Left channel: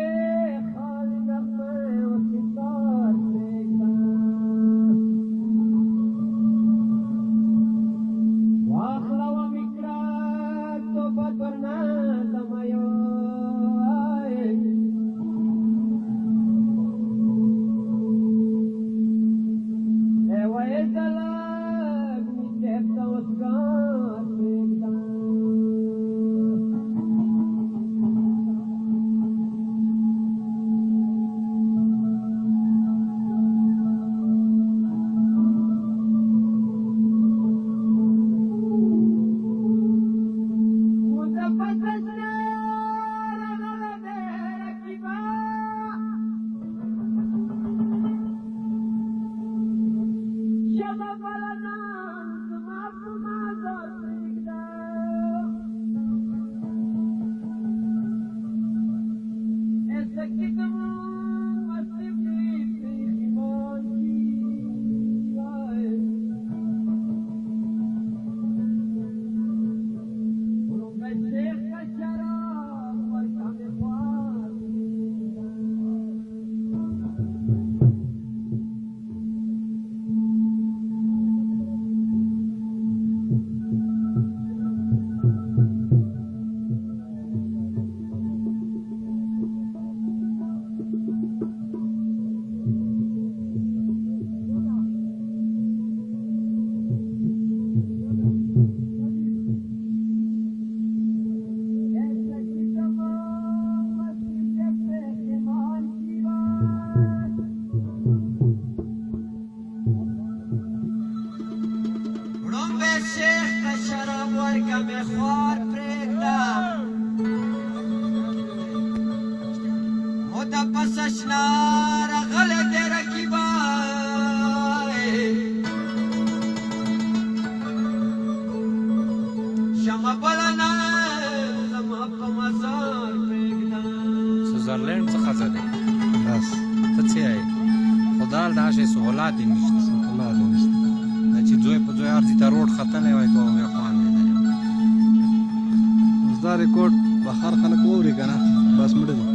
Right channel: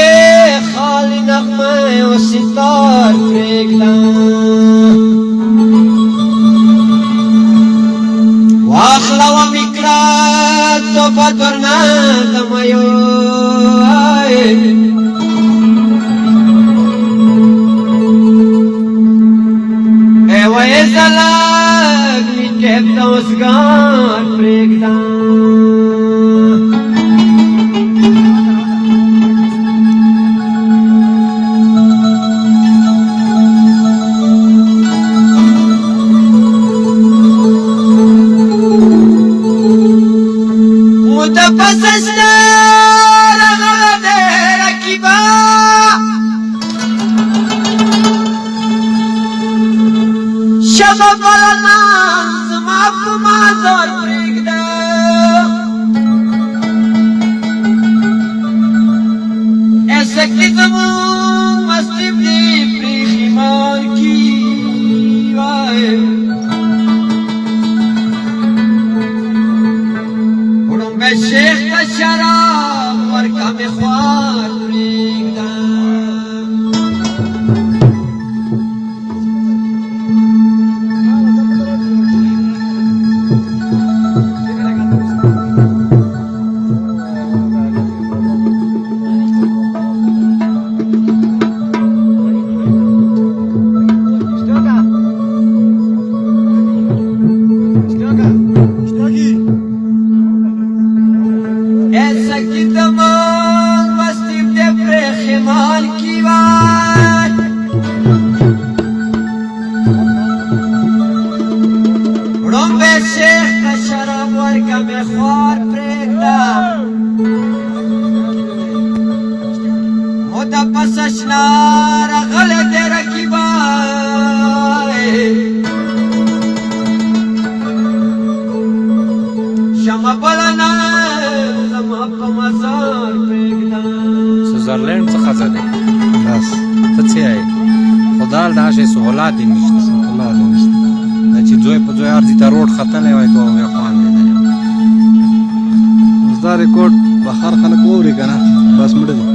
کې خالي نغمه او ستار پرېږده واخله ومې کړه توبه درنه د میو زلک می کېب د اوسګار پرېږده موده پسه شته رغله دی رقیبه شبه بلنا زما په مازار پرېږده ایسکې زمونږ مستي دې پرېښي مار کي وړومبی شیخ ته شراب ورکه مې خوار پرېږده شیخ ته شراب ورکه مې خوار پرېږده موده پسه شنه راغلی دی رقیبه شمه بله نه زما په مزار پرېږده سویزرلند څخه څه دی بس ته څه یې خو دال داسې سهولات یې نشته سهولات یې نشته دا چې ځای په ځای ارځي ته روډ ختلی وای تو بیا خوند دی اوس دا ریکورډ بهر خلک واوري که نه بس مړه دي